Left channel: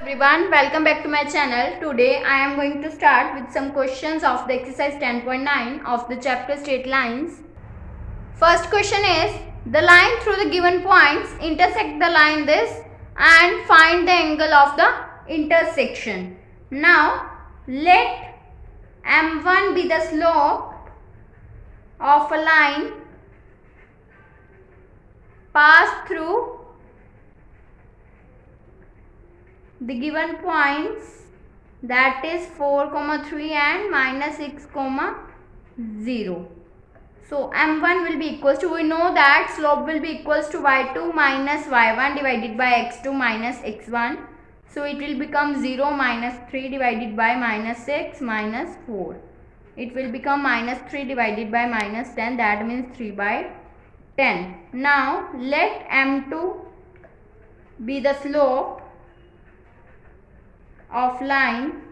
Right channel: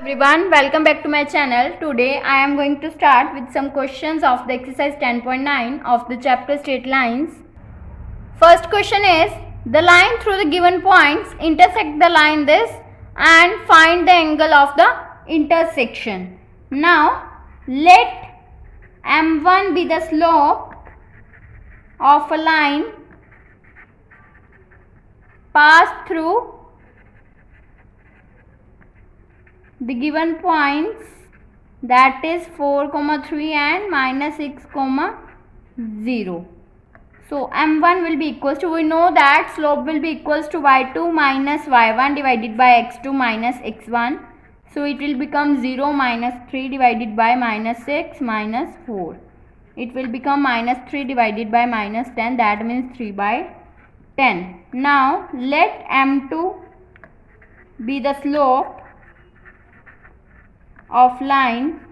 Everyone, welcome back to my channel. Today I am going to start with some questions of the exercise 10.9 of the chapter straight lines. First question is, the line through the given points intersect the line this and find the angle of the intersection. Now let m1 be the slope of a line passed through the given points, that is 4, 3 and minus 6, 0. So m1 will be equals to, we know that slope will be equals to y2 minus y1 divided by x2 minus x1. So it will become 0 minus 3 divided by minus 6 minus 4. It will become minus 3 divided by minus 10, that means 3 by 10. Now let m2 be the slope of line.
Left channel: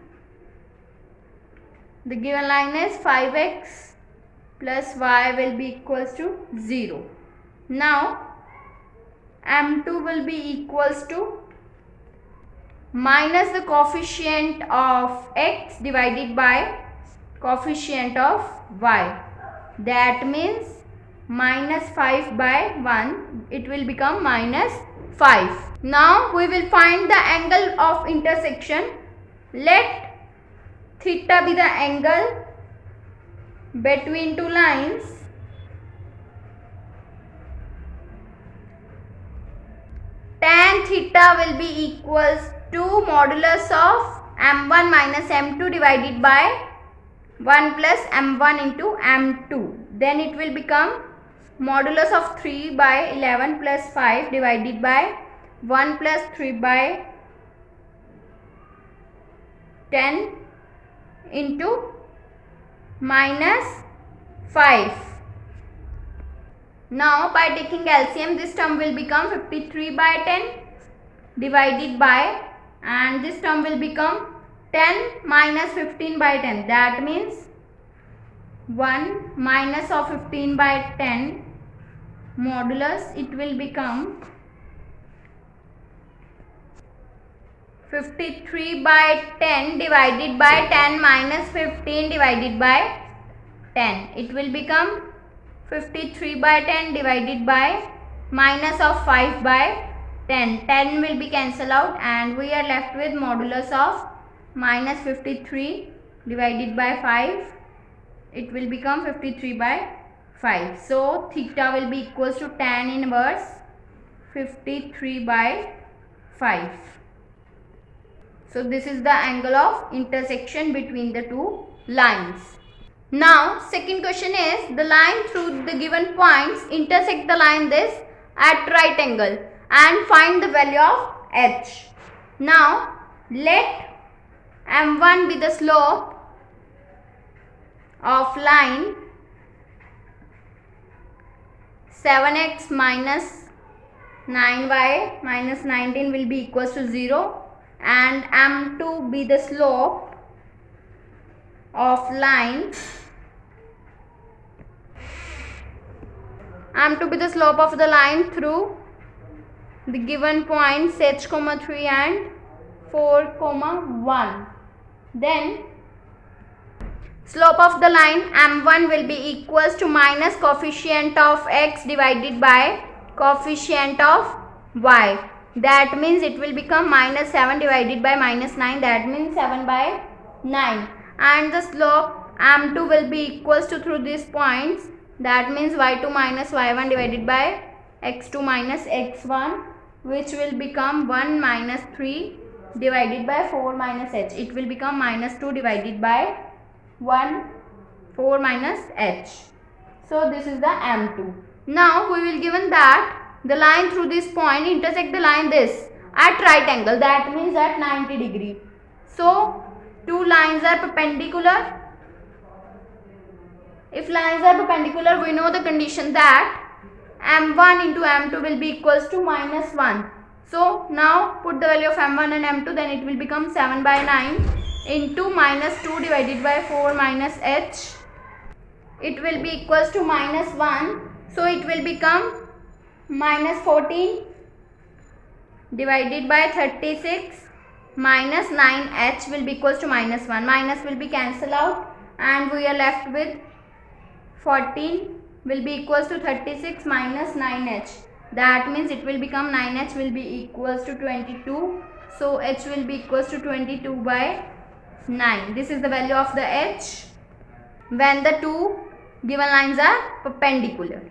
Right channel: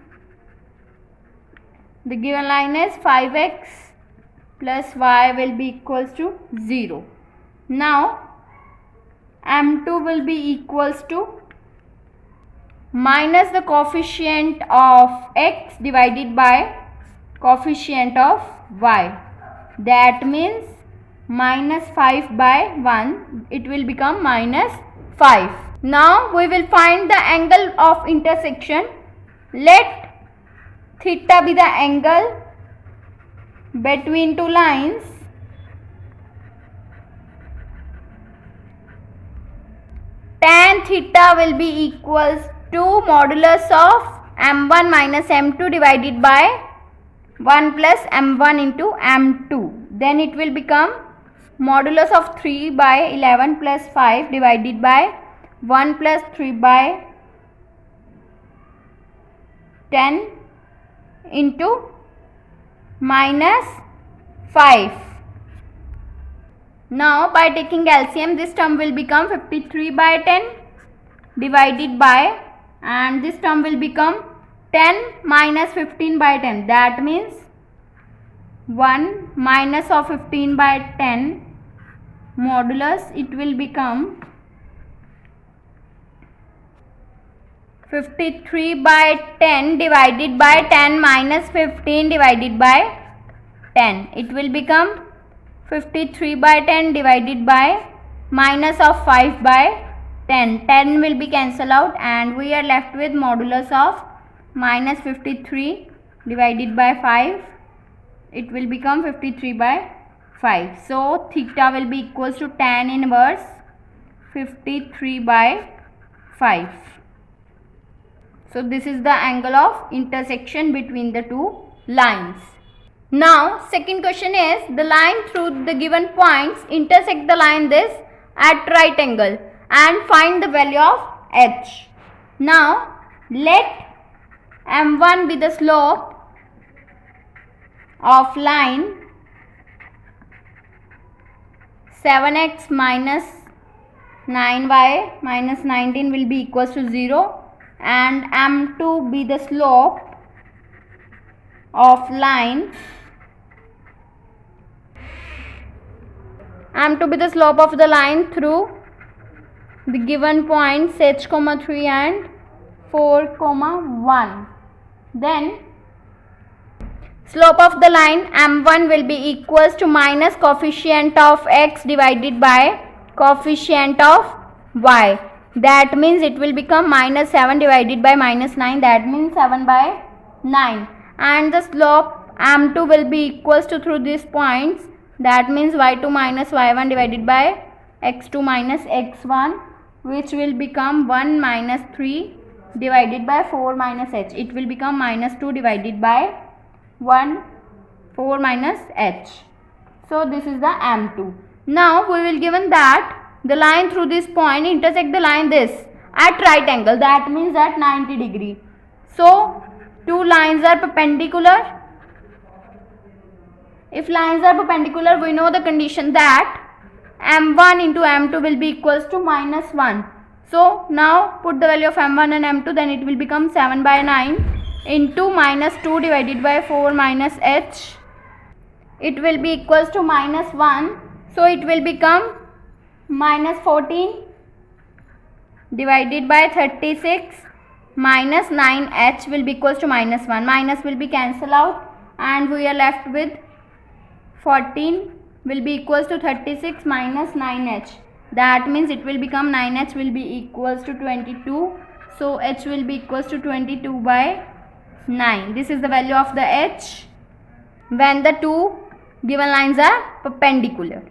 The given line is 5x plus y will be equals to 0. Now m2 will be equals to minus the coefficient of x divided by coefficient of y, that means minus 5 by 1, it will become minus 5. Now we will find the angle of intersection. Let theta be the angle between two lines. Tan theta will be equals to modulus of m1 minus m2 divided by 1 plus m1 into m2. Then it will become modulus of 3 by 11 plus 5 divided by 1 plus 3 by 10 into minus 5. Now by taking LCM, this term will become 53 by 10 divided by, and this term will become 10 minus 15 by 10, that means 1 minus of 15 by 10 modulus, it will become 53 by 10 divided by 10 minus 15 divided by 10. It will become 53 by 10 divided by minus of 5 by 10. 10 will be cancelled out and we are left with modulus of minus 53 divided by 5. It will become 53 by 5. So theta will be equals to tan inverse 53 by 5. So this is the angle of intersection between the two lines. Now second question is, the line through the given points intersect the line this at right angle and find the value of h. Now let m1 be the slope of line 7x minus 9y minus 19 will be equals to 0, and m2 be the slope of line through the given points h, 3 and 4, 1. Then slope of the line m1 will be equals to minus coefficient of x divided by coefficient of y, that means it will become minus 7 divided by minus 9, that means 7 by 9. And the slope m2 will be equals to through these points, that means y2 minus y1 divided by x2 minus x1, which will become 1 minus 3 divided by 4 minus h. It will become minus 2 divided by 1, 4 minus h. So this is the m2. Now we will given that the line through this point intersect the line this at right angle, that means at 90 degree. So two lines are perpendicular. If lines are perpendicular, we know the condition that m1 into m2 will be equals to minus 1. So now put the value of m1 and m2, then it will become 7 by 9 into minus 2 divided by 4 minus h. It will be equals to minus 1. So it will become minus 14 divided by 36 minus 9h will be equals to minus 1. Minus will be cancelled out and we are left with 14 will be equals to 36 minus 9h. That means it will become 9h will be equals to 22. So h will be equals to 22 by 9. This is the value of the h when the two given lines are perpendicular.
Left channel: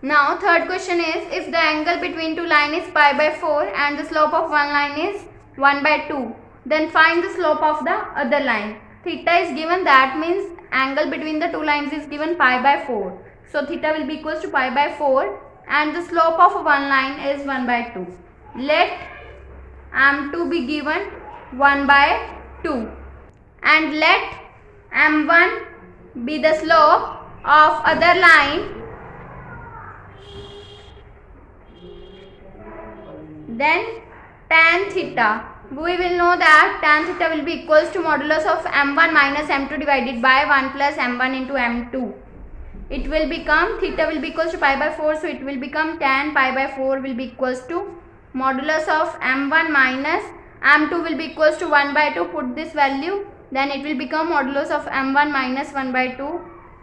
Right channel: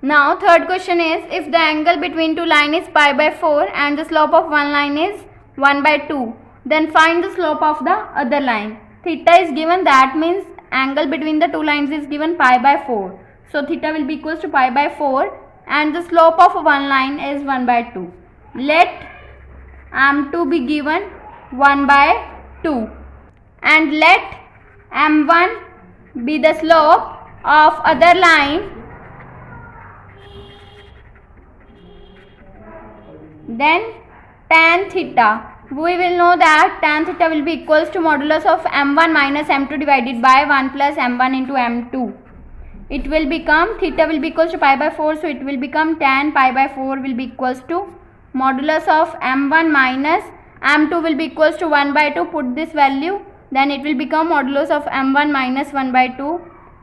Now third question is, if the angle between two lines is pi by 4 and the slope of one line is 1 by 2, then find the slope of the other line. Theta is given, that means angle between the two lines is given pi by 4. So theta will be equals to pi by 4 and the slope of one line is 1 by 2. Let m2 be given 1 by 2 and let m1 be the slope of other line. Then tan theta, we will know that tan theta will be equals to modulus of m1 minus m2 divided by 1 plus m1 into m2. It will become, theta will be equals to pi by 4, so it will become tan pi by 4 will be equals to modulus of m1 minus m2 will be equals to 1 by 2. Put this value, then it will become modulus of m1 minus 1 by 2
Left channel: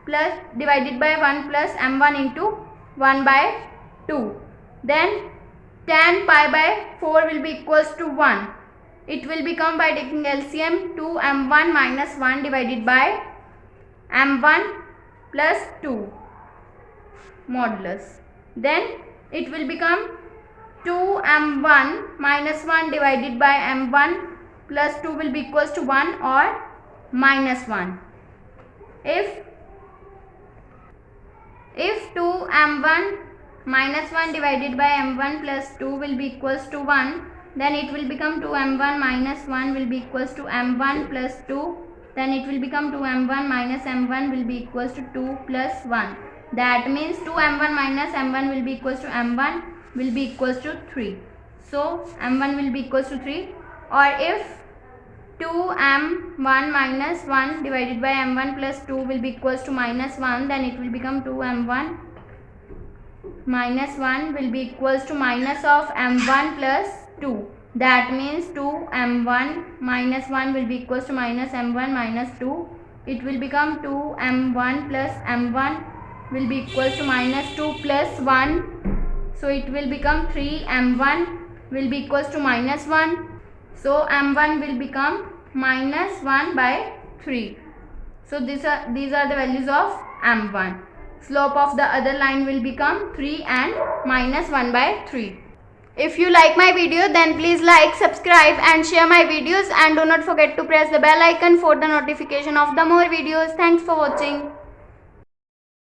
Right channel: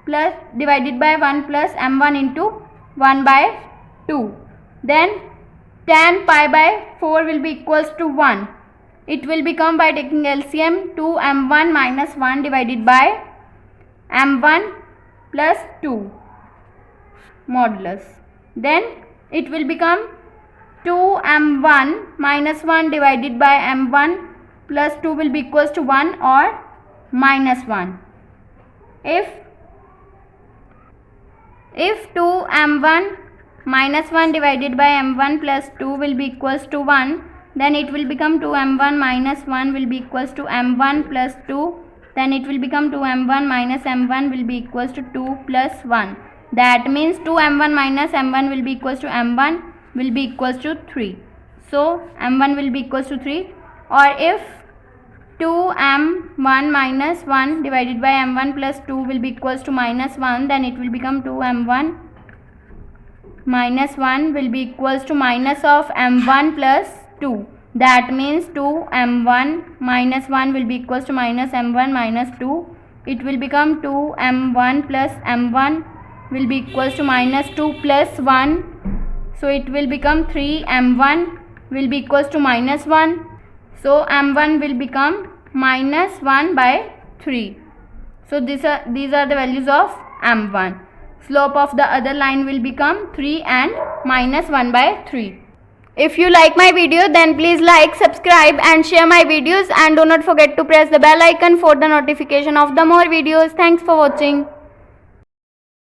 plus divided by 1 plus m1 into 1 by 2. Then tan pi by 4 will be equals to 1. It will become, by taking LCM, 2 m1 minus 1 divided by m1 plus 2 modulus. Then it will become 2 m1 minus 1 divided by m1 plus 2 will be equals to 1 or minus 1. If 2 m1 minus 1 divided by m1 plus 2 will be equals to 1, then it will become 2 m1 minus 1 will be equals to m1 plus 2. Then it will become 2 m1 minus m1 will be equals to 2 plus 1. That means 2 m1 minus m1 will be equals to m1 will be equals to 3. So m1 will be equals to 3. Or if 2 m1 minus 1 divided by m1 plus 2 will be equals to minus 1, then it will become 2 m1 minus 1 will be equals to minus of m1 plus 2. That means 2 m1 minus 1 will be equals to minus m1 minus 2. It will become 2 m1 plus m1 will be equals to minus 2 plus 1. So it will become 3 m1 will be equals to minus 1. So m1 will become minus 1 by 3. So these are the values of m1. Slope of the other line will become 3 and minus 1 by 3. If you like my video, then please like, subscribe and share my videos, and do not forget to press the bell icon for the notification of the more videos. Thanks for watching.